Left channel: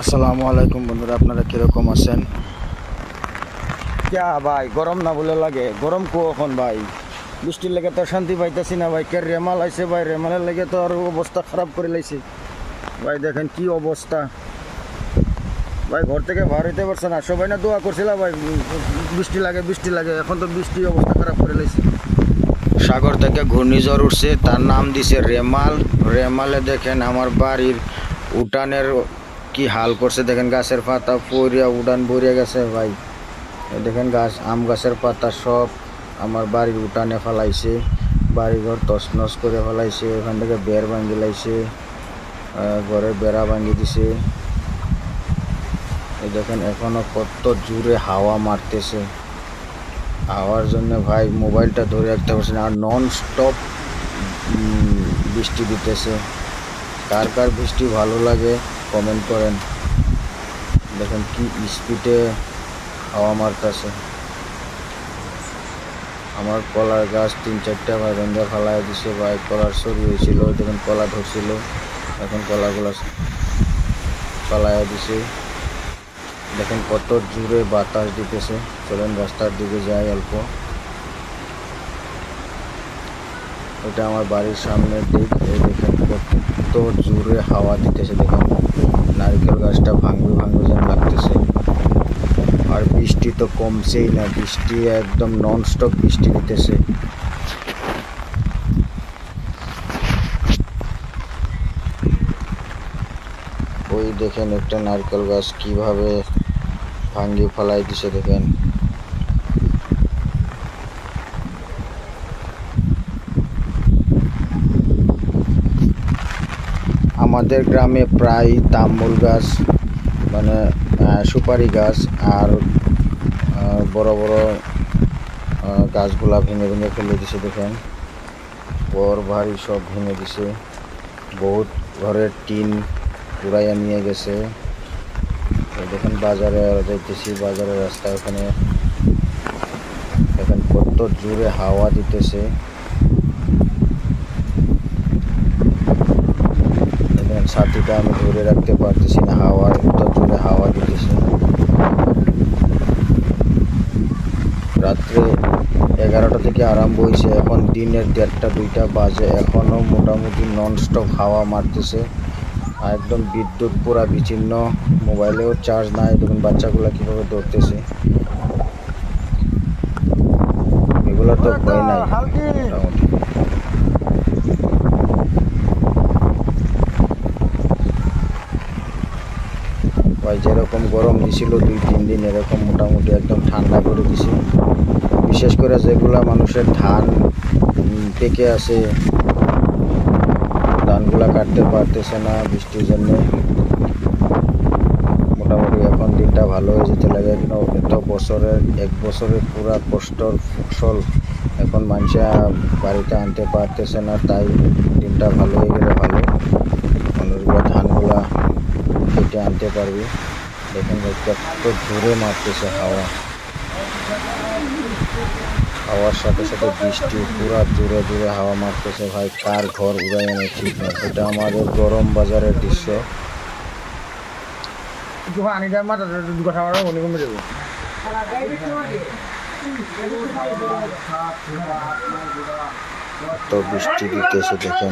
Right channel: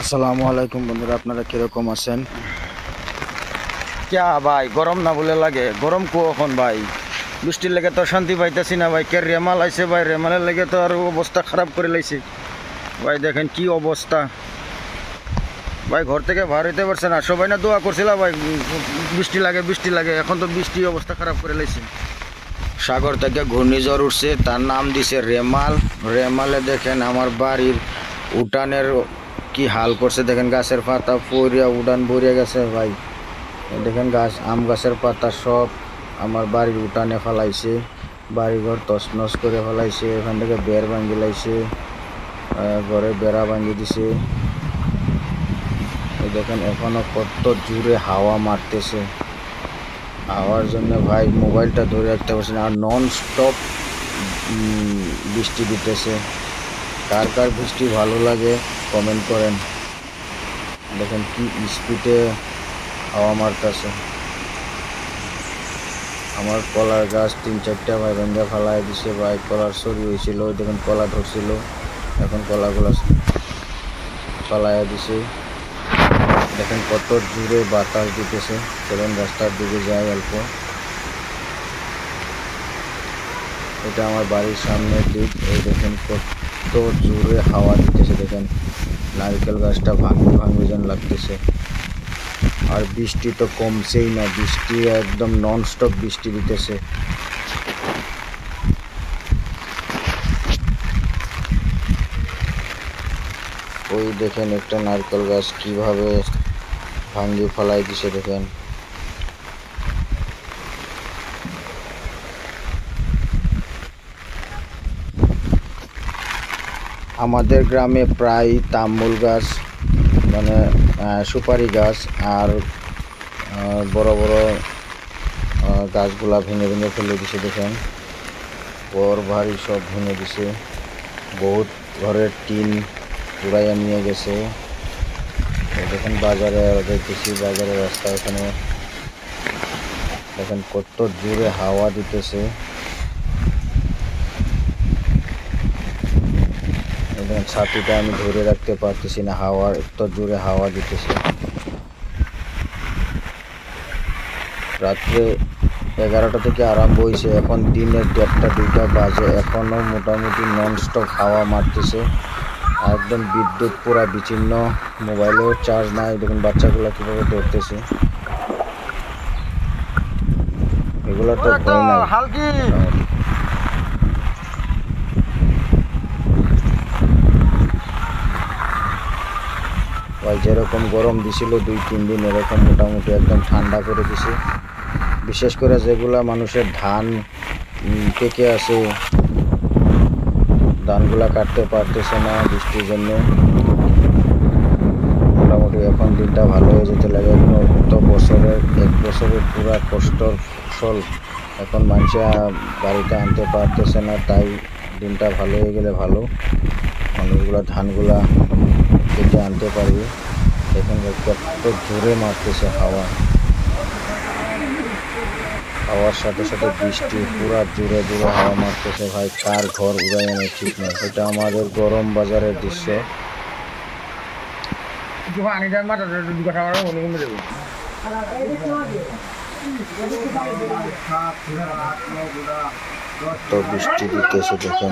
আসসালামু আলাইকুম বন্ধুরা, আপনারা কিরকম আছেন? ক্যা ভাই, গরম না বলে লাগে? গরম কখন ভাই? বৃষ্টির লেগে তো শান্তি পাইতেছি না ভাই। কে রেমাল আইছে ভাই, রেমালের লেগে তো আর অবস্থা খারাপ করে লাইছে ভাই। দেখেন কি অবস্থা ভাই, ঘর থেকে বার হইতে পারছে না। সবাই না দোয়া করছিল ভাই, বৃষ্টি লাগে বৃষ্টি লাগে, এখন তো বৃষ্টি অবস্থা খারাপ করে লাইছে। সাগর থেকে ঘূর্ণিঝড় উঠছে, তার নাম দিছে রেমাল। রেমালে দেখেন আমার বাড়ির উঠানের কি হাল করছে, দেখেন গাছের পাতা পড়িয়া উঠান ভরিয়া গেছে ভাই। দেখেন গাছ, আম গাছের পাতা সব আমার বাড়ির উঠানে ফেলাইছে, বাড়িঘর তছনছ করে ফেলাইছে। ওখান থেকে বেড় ভাঙ্গি লাইছে, ঘরে বেড়া ভাঙ্গি দিছে। দেখেন এখনো কত জোরে হাওয়া মারতেছে। হাওয়ার জন্য ভাই মোবাইলটা ধরে রাখতে পারছি না, আর নন স্টপ বৃষ্টি দিতেছে। কার কার বৃষ্টি ভালো লাগে কমেন্ট করেন। দেখেন কি স্পিডে হাওয়া মারতেছে। আমার কলার গাছ 3-4টা ভাই ভেঙে ফেলায় দিছে ভাই। কলার সরি হয়েছিল, দেখেন কলা ধরছিল, এখন কলাগুলো ফেলাইয়া দিছে। দেখেন কত জোরে বাতাস দিতেছে। চলেন রাস্তার দিকে যাই অল্প। এটা আমার বাড়ির সামনের দিক। এই দেখেন কত জোরে হাওয়া দিতেছে। দেখেন নারকেল গাছটা ভাঙবে ভাঙবে যেন লাগতেছে। আর বৃষ্টি তো কমছেই না, বৃষ্টি একদম নন স্টপ বৃষ্টি দিতেছে। ওই দেখেন একটা নারকেল গাছ কিভাবে ভাঙিয়ে ফেলাই দিছে দেখেন। আমাদের গ্রামে প্রায় তামুল গাছ, মানে সুপারি গাছ আর বড় বড় গাছগুলা ভেঙে ভেঙে ফেলে দিছে। দেখেন ঘর বাড়ি সব ভেঙে দিছে, বহুত ঘরের টিন উড়াইয়া নিয়ে গেছে। দেখেন বাজারে দেখতেছি, বাজারের রাস্তা ওখানে দেখেন কত জোরে হাওয়া দিতেছে। দেখেন ছাতিটা আমি ধরে রাখতে পারতেছি না, হাওয়া এত জোরে হাওয়া দিতেছে। রাত্রে 11টা থেকে আরম্ভ হয়েছে, এখন দিনের 1:30-2টা বাজে, এখনও মোটামুটি ননস্টপ হাওয়া মারতেছে। একদম বিদ্যুৎ পুরা বিচ্ছিন্ন, মোবাইলেও চার্জ নাই। দেখুন বাচ্চাগুলো কীভাবে ধরতেছে, এগুলো তো ভয় নাই মোটামুটি। ভাই যেরকম গরম দিছিল 2-3 দিন, এরকম মোটামুটি একদম ঠান্ডা করে দিছে। বিশেষ করে যেগুলা মানুষের ধান পেকে আছে, ধানগুলা কাটতে পারতেছে না বৃষ্টির জন্য। মোটামুটি এখন দিনটা ভালো হয়ে যেতে লাগে। কিন্তু এত বছরের 1 বছরের পুরা কষ্টর ফসল এখন মানুষে বাড়িতে আনতে পারতেছে না, তাই দিনটা ভালো হয়ে গেলে ভালো, মানুষগুলা ধানগুলা কেটে আনতে পারবে। দেখেন কত জোরে মারতেছে হাওয়া, হাওয়ার সাথে সাথে বৃষ্টি, পুরা জোরে জোরে হাওয়া মারতেছে ভাই। কার ঘর উড়াই আনে ঠিক নেই। এটা আমাদের গরম বাজারের দৃশ্য। তো বৃষ্টি দিতেছে দেখেন।